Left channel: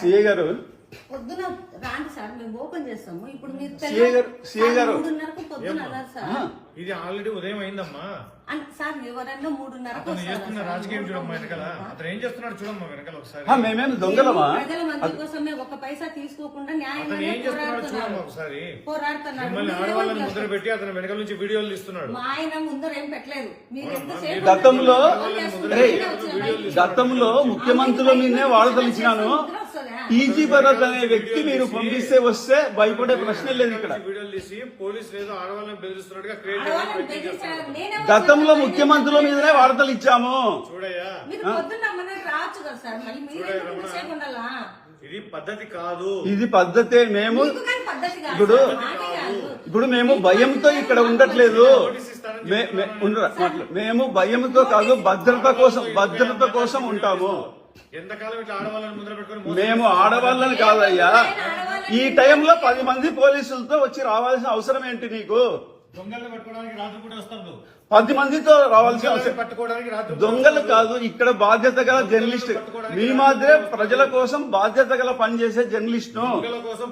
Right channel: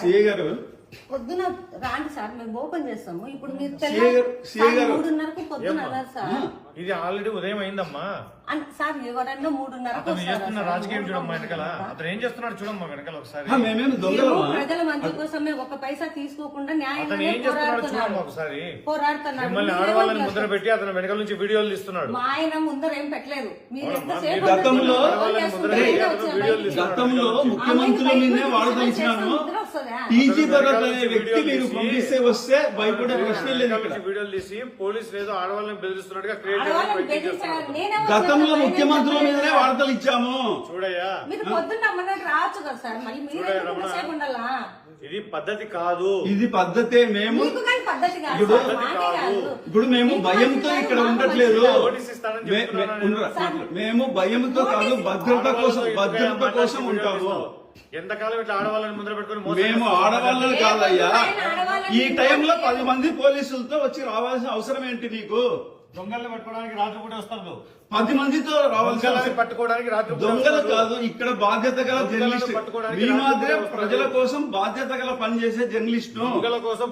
CI గారు పొద్దున రాండి సార్, మేము ఓపెన్ చేస్తాము. ఇప్పుడు మీరు సిఐ గారు 3:30కు పొద్దున అన్నారు సార్. ఇది ఆల్రెడీ ఉదయం అయిందమ్మా. సార్ ఎవరన్నా 3:30కు అతను చేస్తున్న రాజకీయం చూడమ్మా వెనకాల. అతను ఏం చేస్తున్నాడు చూడమ్మా వెనకాల ఒకసారి. మేమేమి దొంగలమా? ప్రజల మంచి కోసమే ఒక పైసా తీసుకోకుండా అతను ఏం చేస్తున్నాడు చూడమ్మా ఒకసారి. మిమ్మల్ని ఆడవాళ్ళని ముద్ర పెట్టి అతను వెనకాల నుంచి వీడియోలు తీస్తున్నాడు. మా ఆయన ముందర ఏం పెట్టలేదు. గతంలో ముఖ్యమంత్రులు నిన్నే వాడదలిచినాను. టీజీ భరత్ అనే వ్యక్తి మీరు పంపిస్తే వస్తే భయపడే ప్రశ్నే లేదు ఇక్కడ. వీడియోలు తీసి పోలీసులు ఏదో ఆడవాళ్ళని బెదిరిస్తున్నట్టుగా క్రియేట్ గతంలో ముఖ్యమంత్రుల మీదనే వార్తలు ఇచ్చాము. చూడయ్యా, రావచ్చు కదా సార్, మళ్ళీ ఇది పద్ధతి కాదు. ఇది పద్ధతే. మేము ఇప్పుడు మేము భయంతో ఇక్కడ ఉండట్లేదు. మేము భయంతో కాదు, భద్రత కోసం ఉంటాము. ఎంతకాలం ఇట్లా ఆడవాళ్ళని ముందర పెట్టుకుని మేము ఆడవాళ్ళని కాదయ్యా. ఈ టైంలో 10 మంది పోలీసులతో వచ్చి రావాల్సిన అవసరం ఏంటి నీకు? దొంగల్ని పట్టుకోవడానికి రాత్రిపూట వస్తాను. 10 మందితో రావాల్సిన పట్టుకోవడానికి రాత్రి దొంగలు కాదు. ఇక్కడ బాధ్యత గల జర్నలిస్ట్ మీ మాదిరే ప్రజల కోసం బాధ్యత గల పనిచేసే జర్నలిస్ట్ దొంగల కోసం